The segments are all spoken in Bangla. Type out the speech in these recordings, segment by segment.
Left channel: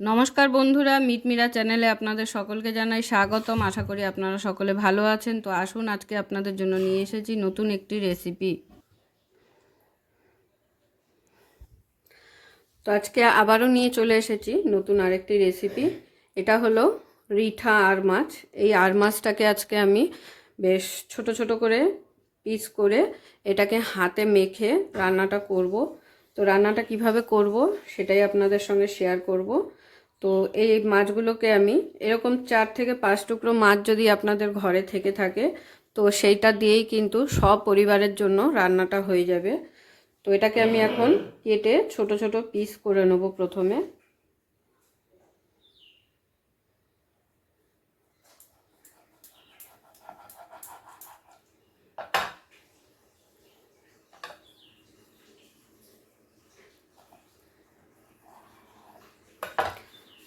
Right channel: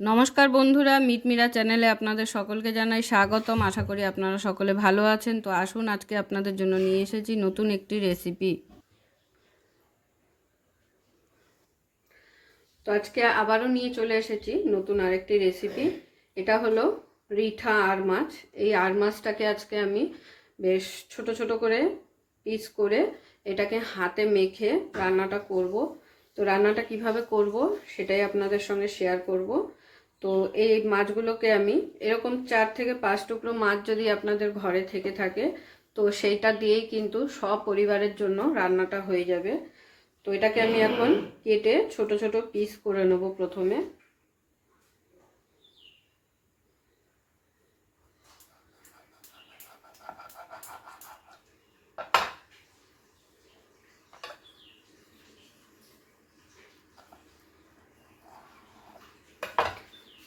নমস্কার বন্ধুরা, মিটমিরা চ্যানেলে আপনাদের সকলকে জানাই স্বাগতম। আশা করি আপনারা সকলে ভালো আছেন। তো আসুন, আজকে আপনাদের জন্য নিয়ে এসেছি নতুন একটি রেসিপি। তো আজকে আবারও নিয়ে চলে এসেছি নতুন আরেকটি রেসিপি। এটা হলো রিঠা আর মাছ। এই আর মাছটাকে আজকে আমি বেশ ছোট ছোট করে পিস করে এটাকে হাতে মেখে রান্নাটা করব। তো রান্নাটা কিভাবে করব সেটাই আপনাদের সঙ্গে শেয়ার করব। তো এই মাছগুলোকে আমি এরকম 4 থেকে 5 টুকরো মাছ যদি আপনাদের ঘরে থেকে থাকে, তো সেইটা দিয়েই কিন্তু সব পরিবারের জন্য রান্নাটা হয়ে যাবে। তো এটাকে আমি এখন কেটে ছোট ছোট পিস করে নেব প্রথমে।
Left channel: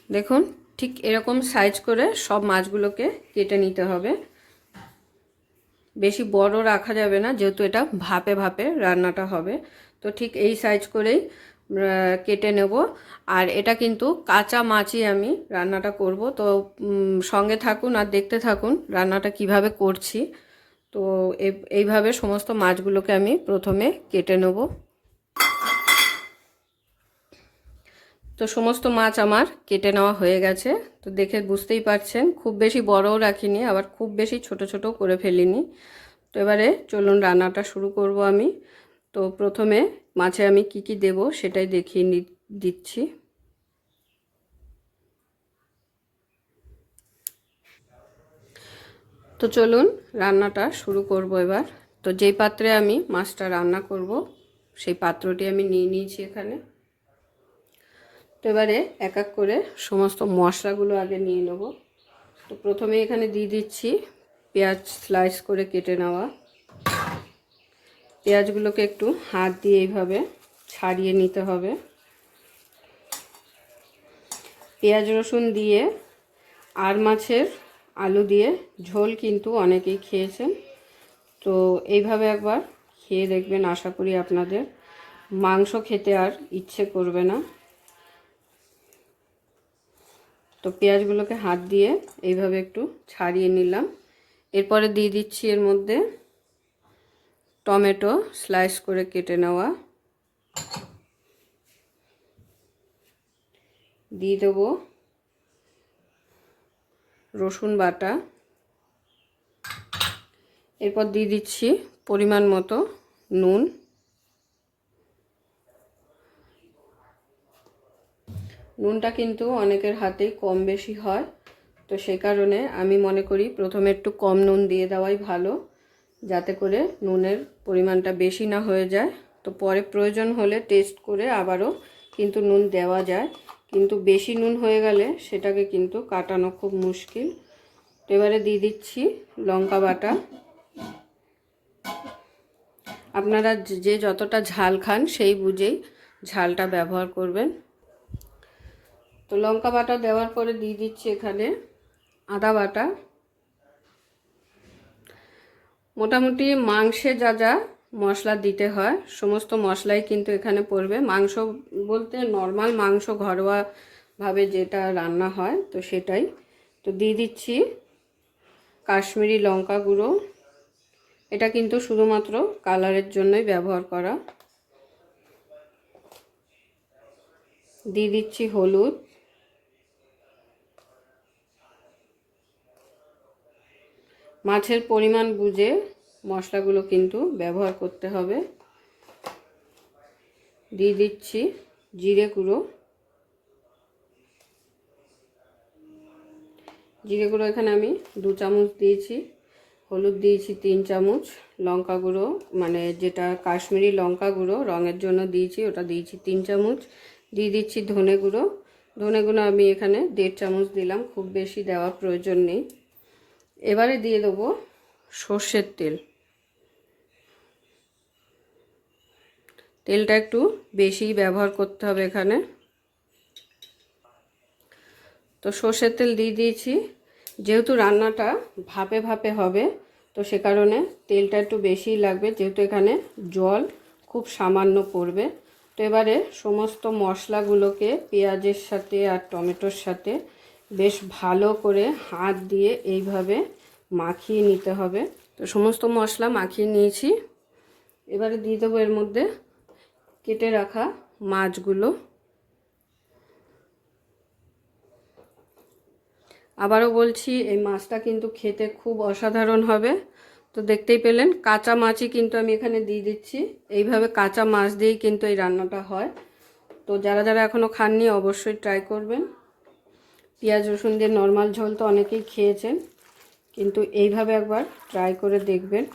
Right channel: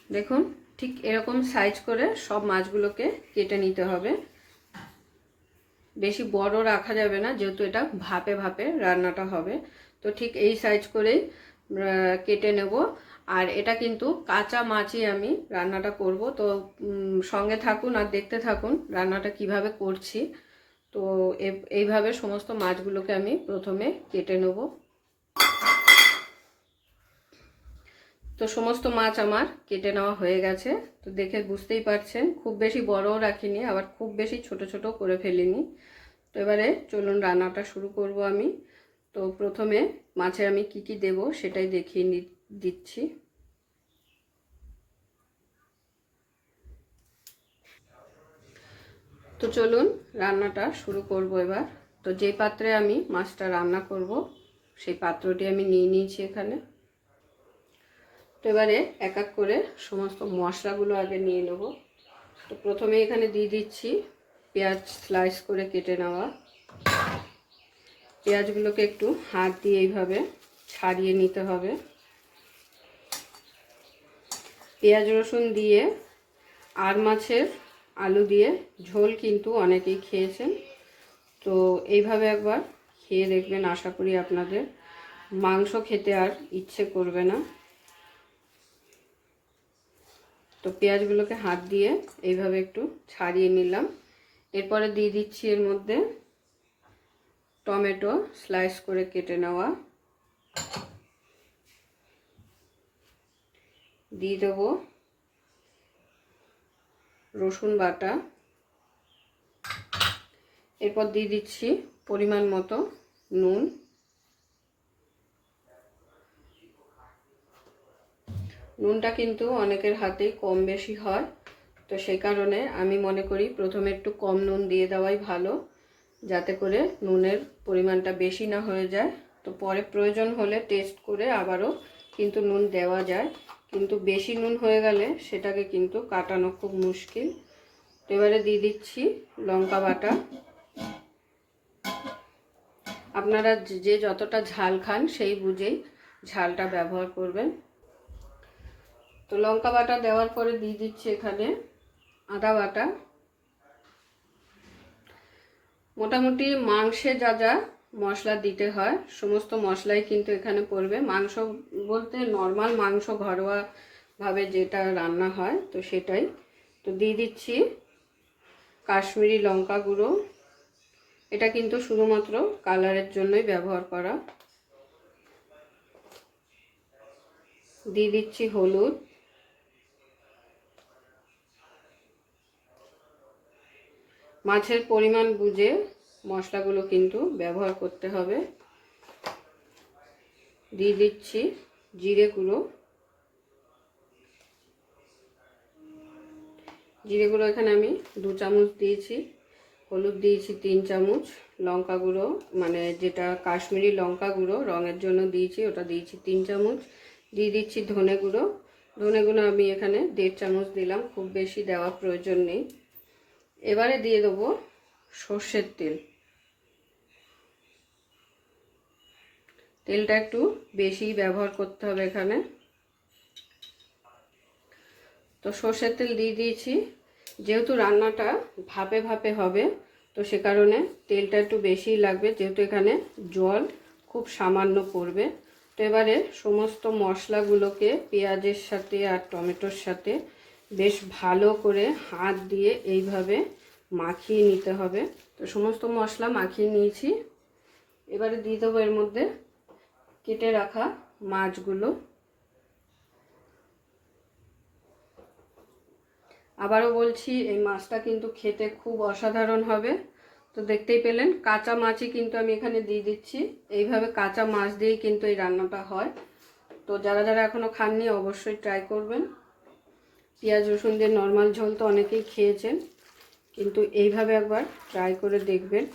দেখুন, ঠিক এরকম সাইজ করে সব মাছগুলোকে কেটে নিতে হবে। বেশি বড় রাখা যাবে না, যেহেতু এটা ভাপে ভাপে রান্নাটা হবে। তো ঠিক এই সাইজ করেই কেটে নেব। আর এটা কিন্তু কাঁচা মাছই আমি রান্নাটা করব। তো সঙ্গে থাকুন আর দেখতে থাকুন রান্নাটা কিভাবে করছি। তো এইভাবে সমস্ত মাছগুলোকে আমি প্রথমে কেটে নেব। তো সমস্ত মাছ আমার কেটে নেওয়া হয়ে গেছে। তো দেখে বুঝতেই পারছেন খুব বেশি বড়ও রাখিনি, আবার খুব বেশি ছোট ছোট করে ফেলিনি। তো এবারে চলুন রান্নাটা শুরু করব আমি। তো প্রথমে মাছে আমি কি কি দেব সেটাই দেখিয়ে দিচ্ছি। তো চলুন রান্নাটা শুরু করব এবার। তো যেই পাত্রে আমি মাছটা রান্না করব সেই পাত্রটি আমি নিয়ে নিয়েছি এখানে। তো এবারে এক এক করে সমস্ত মশলাগুলো আগে নিয়ে নেব। তো প্রথমে এখানে দিয়ে দিচ্ছি পেঁয়াজ স্লাইস করে কেটে নেওয়া। পেঁয়াজগুলোকে একটু হাত দিয়ে এইভাবে ছাড়িয়ে নিতে হবে। পেঁয়াজ রসুন দিয়ে আর মাছের আলু দিয়ে ঝোল কিন্তু অনেকেই খেয়েছেন। তো এইভাবে একবার খেয়ে দেখবেন, আশা করি আপনাদের মাংস খেতে আর ইচ্ছে করবে না। তো পেঁয়াজগুলোকে হাত দিয়ে এইভাবে একটু ছাড়িয়ে নিলাম। এরপরে দিয়ে দিচ্ছি এর মধ্যে টমেটো স্লাইস করে কেটে নেওয়া, দিয়ে দেবো রসুন বাটা, এরপর দিয়ে দিচ্ছি পরিমাণ মতো নুন। নুনটা কিন্তু অনেকের হাতেই কম বেশি হয়, তো সেই কারণে আমি মনে করি প্রথমে একটু কম নুন দিয়ে দেওয়াই ভালো, যাতে করে নুনের পরিমাণটা বেশি না হয়ে যায়। তো পরে প্রয়োজন হলে টেস্ট করে আবারও কিন্তু নুন দেওয়া যায়, কিন্তু বেশি নুন হয়ে গেলে সেটাকে কিন্তু কাটানো খুব মুশকিল। তো এবারে দিয়ে দিচ্ছি লঙ্কা বাটা। আপনারা যে যতটা ঝাল খান সেই বুঝেই ঝালটা ব্যবহার করবেন। তো লঙ্কা বাটা দেওয়ার পরে দিয়ে দিচ্ছি এখানে আদা বাটা। মোটামুটি মাংসে যা যা মশলা দিতে হয় সমস্ত মশলাই কিন্তু এখানে পড়বে। মাংস বলতে নর্মাল মাংস ঘরোয়াভাবে যেটা রান্না হয় তো সেটাই। তো দিয়ে দিচ্ছি কাশ্মীরি লঙ্কা গুঁড়ো। এটা কিন্তু শুধুমাত্র কালারের জন্যই ব্যবহার করা। দিয়ে দিচ্ছি হলুদ, মাছের পরিমাণ বুঝে মশলাগুলো কিন্তু ব্যবহার করতে হবে। দিয়ে দিচ্ছি জিরে গুঁড়ো। জিরে গুঁড়ো এখানে আমি 2 চামচ দিয়েছি। হলুদ দিয়েছি 3 চামচ। লঙ্কা গুঁড়ো মানে যেটা কাশ্মীরি লঙ্কা গুঁড়ো রঙের জন্য দিয়েছি, ওটা দিয়েছি 3 চামচ। দিয়ে দিচ্ছি ধনে গুঁড়ো। ধনে গুঁড়ো আমি এখানে 1.5 চামচ দিলাম, খুব বেশি দেওয়া প্রয়োজন নেই। এবারে দিয়ে দেবো সর্ষের তেল। তেলটা একটু বেশি ব্যবহার করতে হবে এখানে। তো সর্ষের তেল দিয়ে দিয়েছি। যেহেতু রান্নাটা ভাপে ভাপে হবে তো সে কারণে তেলটা একটু বেশিই লাগবে, যেহেতু এখানে জল খুব সামান্য পড়বে। তো এবারে সমস্ত মশলাগুলোকে পেঁয়াজের সাথে আর টমেটোর সাথে বেশ ভালো করে হাত দিয়ে এইভাবে মাখিয়ে নিতে হবে। তো সমস্ত মশলা মাখিয়ে নিয়েছি। এবারে দিয়ে দেবো এর মধ্যে কেটে রাখা মাছগুলো। আবারও বলছি, এই মাছটা কিন্তু খেতে খুব অসাধারণ হবে। তো দেখতেই পেলেন কাঁচা মাছই কিন্তু আমি এখানে দিয়ে দিচ্ছি। এইভাবে কাঁচা মাছ দিয়েই কিন্তু এই রান্নাটা হয়। তো যারা যারা এখনও খাননি অবশ্যই ট্রাই করবেন। পেঁয়াজ রসুন দিয়ে নর্মাল ঝোল তো অনেকেই খেয়েছেন, কিন্তু এইভাবে একবার ট্রাই করে দেখবেন।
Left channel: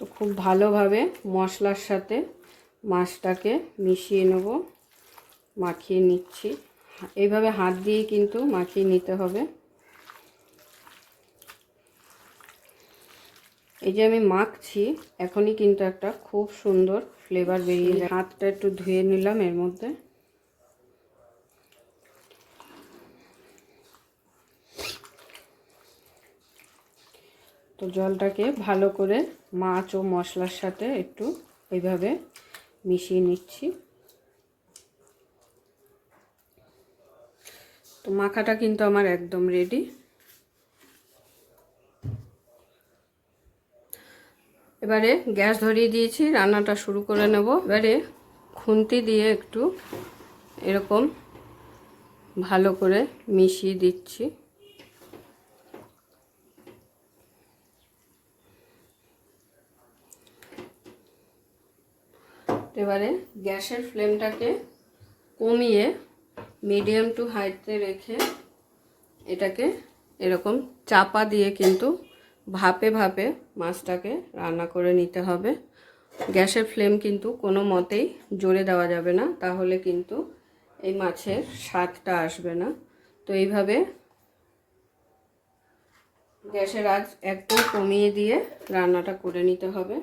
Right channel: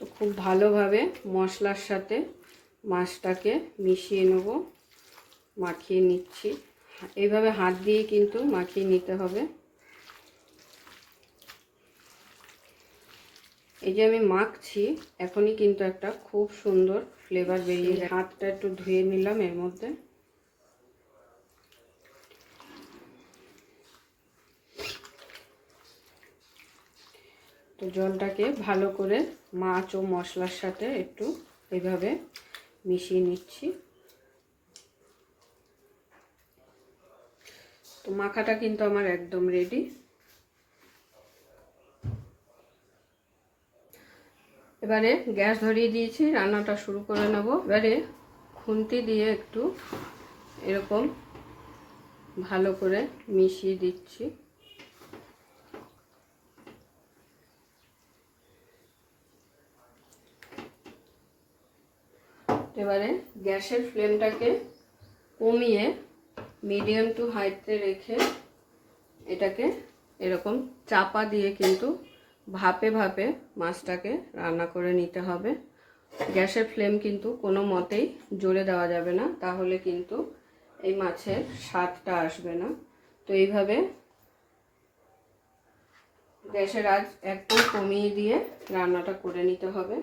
তো খুব ভালোভাবে মশলার সাথে মাছটাকে মিশিয়ে নেব, মাখিয়ে নিচ্ছি। এইভাবে হাত দিয়েই কিন্তু মাখিয়ে নিতে হবে। এই যে আমি মাখছি, এখনই কিন্তু একটা খুব সুন্দর ফ্লেভার বেরিয়ে যায়। হাতটা একটু ধুয়ে নিলাম এর মধ্যে। তো জলটাকে ভালো করে মাছ ও মশলার সাথে একটু এইভাবে মিশিয়ে নিচ্ছি। তো মাখাটা কিন্তু আমার একদম রেডি। এবারে গ্যাস ধরিয়ে দিয়েছি, রান্নাটা শুরু করে নেব। এবারে খুন্তি দিয়ে একটু এরকম ভালো করে মিশিয়ে দিচ্ছি। এবারে গ্যাসের ফ্লেমটাকে কমিয়ে মিডিয়াম টু হাইতে রেখে এটাকে এরকম চাপা দিয়ে কিন্তু ভাপে ভাপে মাছটাকে রান্না করে নিতে হবে। গ্যাসের ফ্লেম কিন্তু কোনো মতেই জোরে দেওয়া যাবে না, তাহলে কিন্তু এই মাছের স্বাদটা আসবে না। তো এইভাবে গ্যাসের আঁচ একদম কমিয়ে দিয়ে রান্নাটা করে নিতে হবে।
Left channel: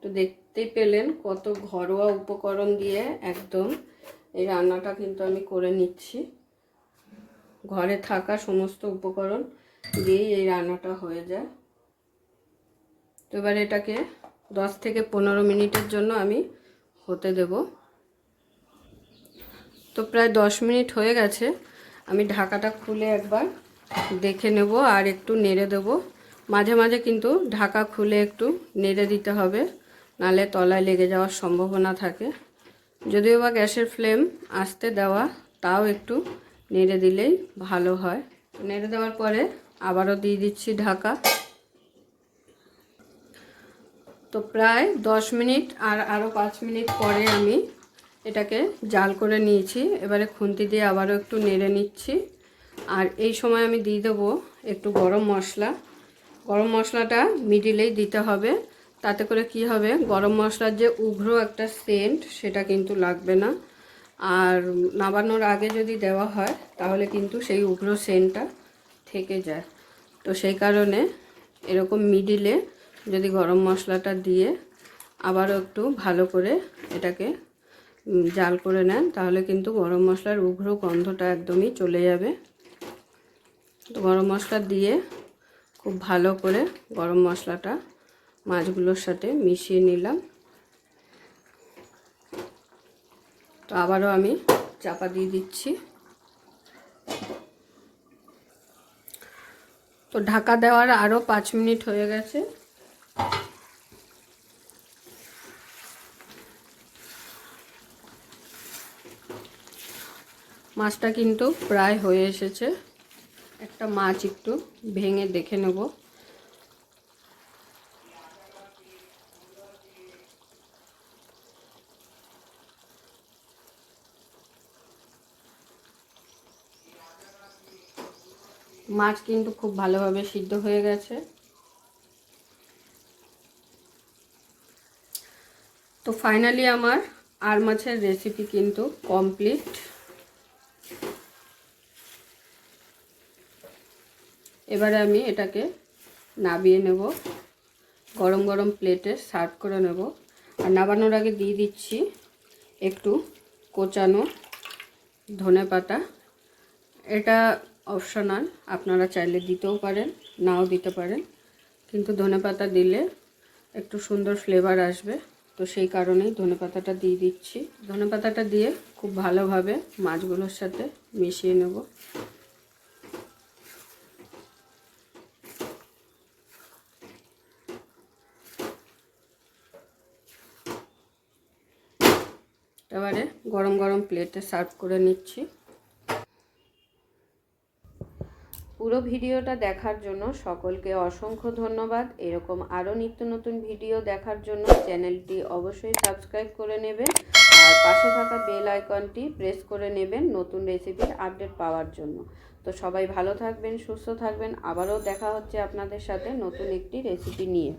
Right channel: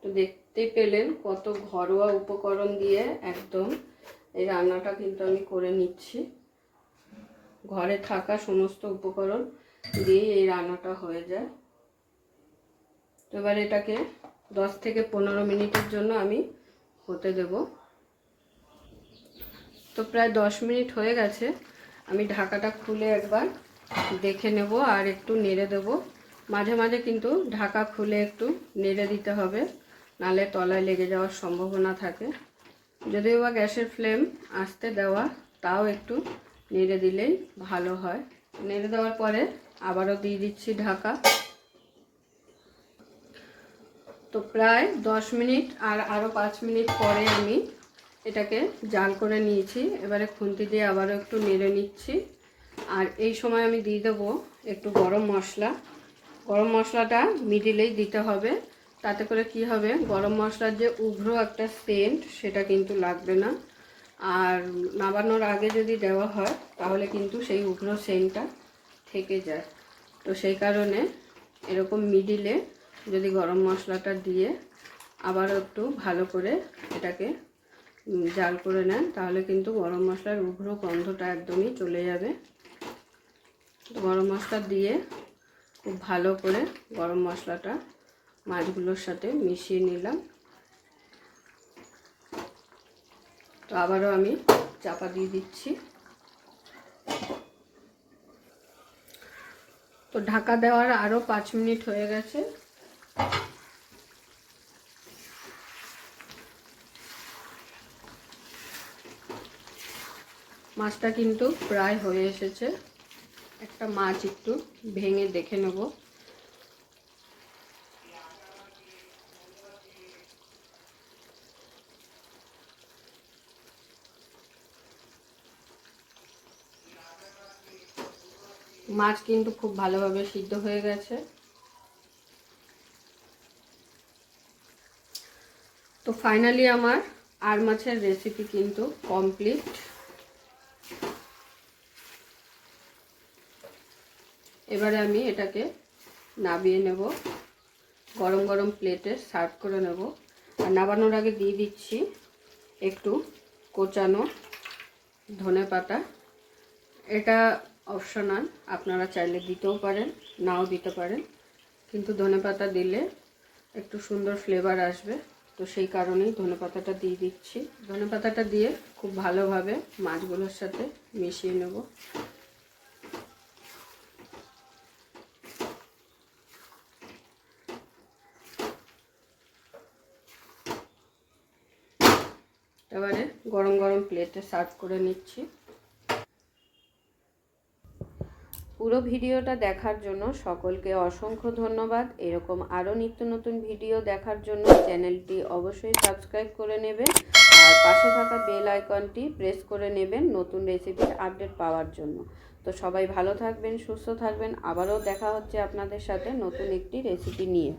তো দেখতেই পেলেন কত ঘরোয়া উপকরণ দিয়ে একদম এই রান্নাটা কিন্তু আমি করে নিচ্ছি। ঘরে থাকা সমস্ত উপকরণ দিয়েই এই রান্নাটা হয়ে যায়। তো এবার এটাকে 10 থেকে 15 মিনিটের জন্য আমি হতে দেব। তো প্রায় 10 মিনিট হয়ে গেছে। আমি ঢাকাটা খুলে একবার দেখে নেব আর একটু নেড়ে দেব। মাঝে মাঝে কিন্তু ঢাকা খুলে একটু নেড়ে দিতে হবে, নাহলে তলায় লেগে যাওয়ার সম্ভাবনা থাকে। যদিও বা গ্যাসের ফ্লেম আস্তে দেওয়া, তাও একটু নেড়ে দিলেই ভালো হয়। নেড়ে দেওয়ার পরে আবারও দিয়ে দিচ্ছি ঢাকা। তো প্রায় 10 মিনিট আর আরও 5 মিনিট পরে আমি এটাকে জাল করে নিয়েছি। এবারে খুন্তি দিয়ে আবারও একটু নেড়ে নিচ্ছি। আর এই সময় আমি দিয়ে দেবো একটু গরম মশলা। গরম মশলাটা মিডিলেই দিতে হবে, তাতে করে কি হবে, গরম মশলার যে উগ্র একটা সেন্ট সেটা কিন্তু লাগবে না। আর নামানোর আগে যদি দেওয়া হয় তাহলে কিন্তু সেই উগ্র সেন্টটা থেকে যায়। তো সেই কারণে এরকম মিডিলে যদি গরম মশলাটা দিয়ে আবারও একটু ভালো করে এটাকে জাল করে নেন, তাহলে কিন্তু গরম মশলার উগ্র গন্ধটা একদমই চলে যাবে। তো গরম মশলা দিয়ে খুব ভালো করে গরম মশলাটা মাছগুলোর সাথে মিশিয়ে নিলাম। তো আবারও আমি চাপা দিয়ে দিচ্ছি। তো ঢাকা দেওয়ার আরও 5 মিনিট হয়ে গেছে। মাছটা কিন্তু প্রায় হয়ে এসেছে। একটা মাছ একটু ভেঙে দেখে নেব। মাছ কিন্তু খুব ভালোভাবে সিদ্ধ হয়ে গেছে। তো ফাইনালি আমার আর মাছের রেসিপি কিন্তু কমপ্লিট। এবারে আমি এটাকে নামিয়ে নেব, গরম গরম প্লেটে সার্ভ করে নেব। আর নামানোর আগে দিয়ে দিচ্ছি একটু কোচানো ধনেপাতা। এটা অপশনাল, আপনারা চাইলে দিতেও পারেন। নাও দিতে পারেন, কিন্তু ধনেপাতা দিলে একটু সুন্দর ফ্লেভার আসবে, তো সেই কারণেই ধনেপাতাটা দিয়ে দিচ্ছি। ধনেপাতাটা দিয়ে খুব ভালোভাবে মাছগুলোর সাথে মিশিয়ে নেব। এবারে গরম গরম প্লেটে সার্ভ করে নিচ্ছি। পুরো ভিডিওটা দেখার জন্য সকলকে অসংখ্য ধন্যবাদ। এরকম আরও নিত্য নতুন ভিডিও দেখার জন্য চ্যানেলটি অবশ্যই সাবস্ক্রাইব করে নেবেন আর পাশে থাকা বেল আইকনটি প্রেস করে নেবেন নতুন রেসিপির আপডেট পাওয়ার জন্য। তো সবাই ভালো থাকবেন, সুস্থ থাকবেন। আবারও দেখা হচ্ছে আপনাদের সাথে নতুন একটি রেসিপি নিয়ে।